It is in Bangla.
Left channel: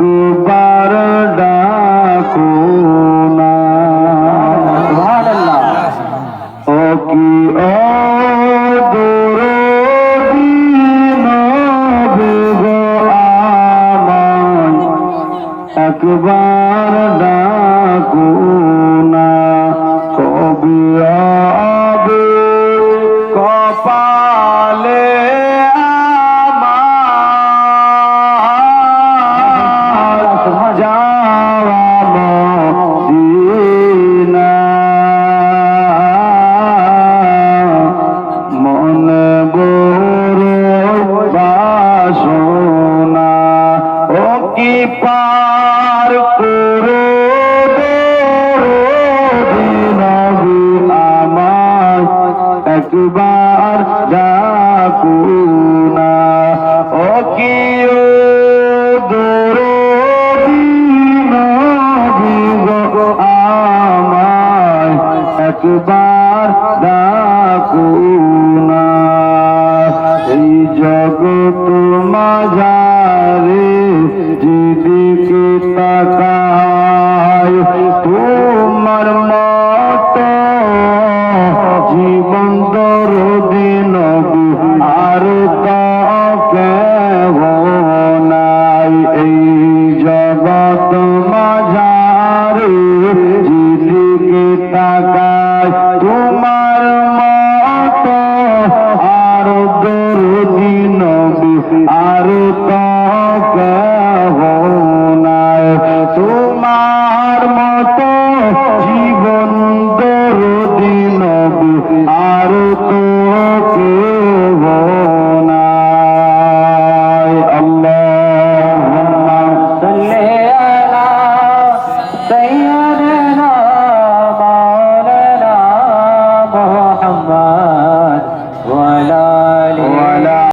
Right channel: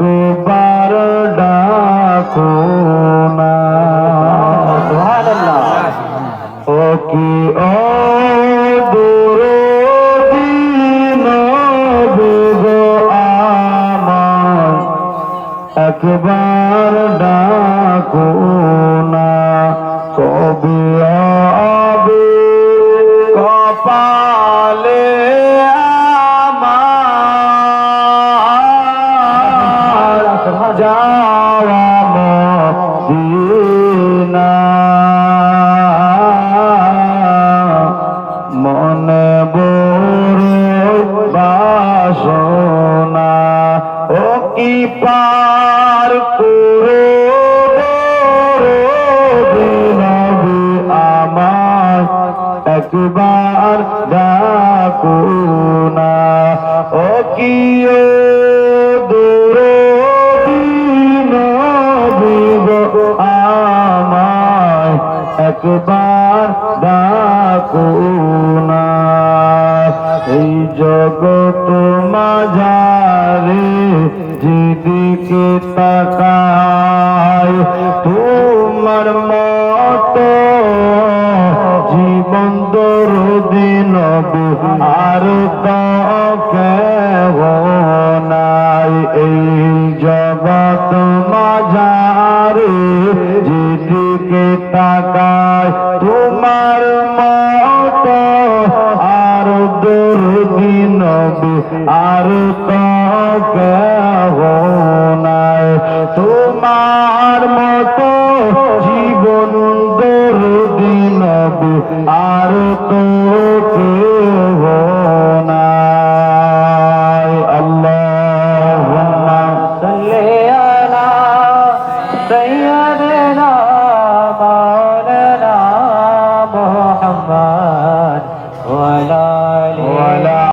একবার ডাকো না। ও কি ও একবার ডাকো না। কবে হবে কপালে আমার যাওয়া মদিনা। মনে বড় বাসনা ও কি পার করো নবী আমার একবার ডাকো না। ও কি আমার একবার ডাকো না। এই জগৎ মাঝারে যেদিকে তাকায় তোমার মতো জীবন দরদি নবী আর কেহ নাই। এই জগৎ মাঝারে যেদিকে তাকায় তোমার মতো আর দরদি নবী আর কেহ নাই। তোমার মতো জীবন দরদি নবী আর